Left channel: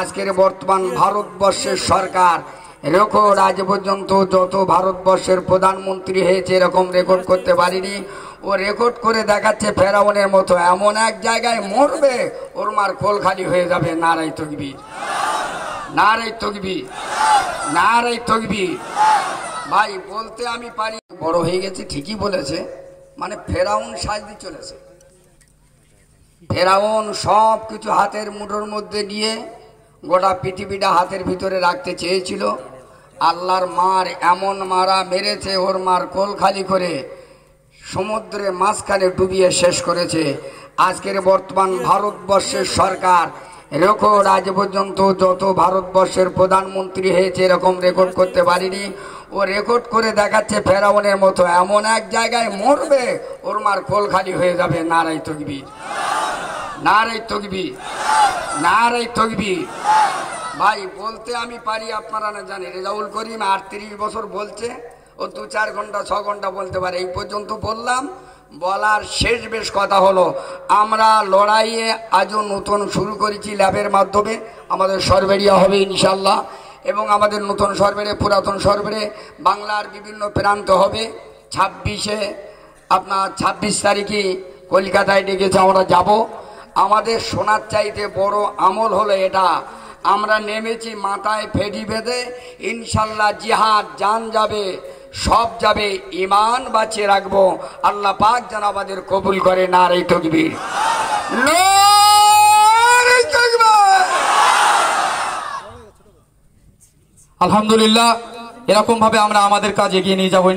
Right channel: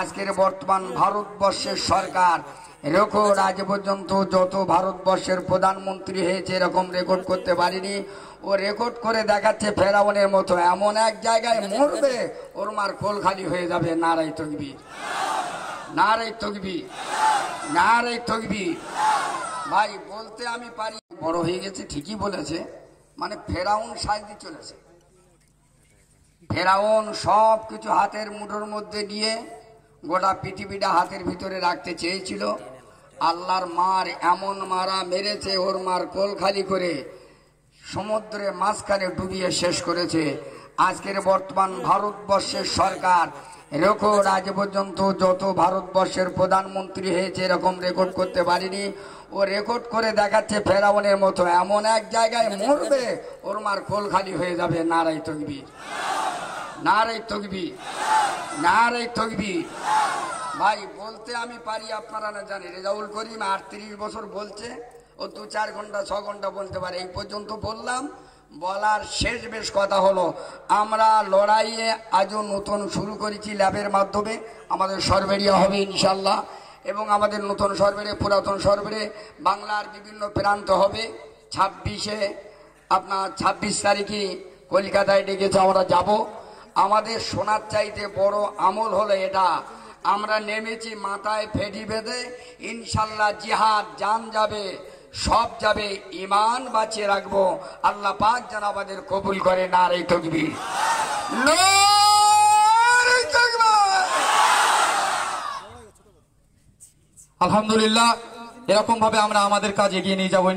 আজকের বর্তমান ভারতবর্ষের সরকার রেকর্ড আজ পর্যন্ত যত ভারতবর্ষের প্রধানমন্ত্রী হয়েছে এরকম রেকর্ড করতে পারিনি। ও রেকর্ড করে দেখাচ্ছে ফেরাউনের মতো এমন এক জায়গায় মরবে ওর মার কোল খালি হয়ে যাবে। নারাই তাকবীর, নারাই তাকবীর, নারাই তাকবীর। ভাই বলতে আমি পারি, বড় হয়ে গেছে ঠিকই বলেছে, মানে ফেরাউন সাজতে চলেছে। ফেরাউন সব কিছু হাতের মুঠোর মধ্যে নিয়ে গোটা পৃথিবীটা হাতের ভিতরে রাখতে চেয়েছিল। আল্লাহর মার এমন মারা মেরেছে, ওর মার কোল খালি করে সমুদ্রে মাঝখানে ডুবিয়ে শেষ করেছে। আজকের বর্তমান ভারতবর্ষের সরকার রেকর্ড আজ পর্যন্ত যত ভারতবর্ষের প্রধানমন্ত্রী হয়েছে এরকম রেকর্ড করতে পারিনি। ও রেকর্ড করে দেখাচ্ছে ফেরাউনের মতো এমন এক জায়গায় মরবে ওর মার কোল খালি হয়ে যাবে। নারাই তাকবীর, নারাই তাকবীর, নারাই তাকবীর। ভাই বলতে আমি পারি, আপনারা না জানেন রেজাউল করিম 38 বছর বলছে, ও 2-4 ঘন্টা 6 ঘন্টা বলতে পারে। এই পর্যন্ত বললাম, বলার শেষ বেশ কথা হলো আমরা লড়াইয়ে আজও নতুন শুরু করেছি ল্যাবের মাধ্যমে। আমাদের সরবেরিয়া হবে ইনশাল্লাহ, এবং আমাদের নতুন সরবেরে পুরাতন সরবেরে বাংলার বিভিন্ন প্রান্ত হবে। 26 তারিখে কলকাতায় ডেকেছে, আমরা যাব। আমাদের সোনার চাইতে বড় আমল হলো এটা, আমরা নেমেছি মাথায় ফেটি বেঁধে ইনশাল্লাহ জিহাদ জান যাবে সব যাবে, ইমান বাঁচিয়ে রাখবো। আল্লাহ পাক যেন আমাদের কবুল করে। নারে তাকবীর, নারে তাকবীর। আলহামদুলিল্লাহ, এরকম ভাবে আমরা আমাদের কাজ এগিয়ে নিয়ে যাবো।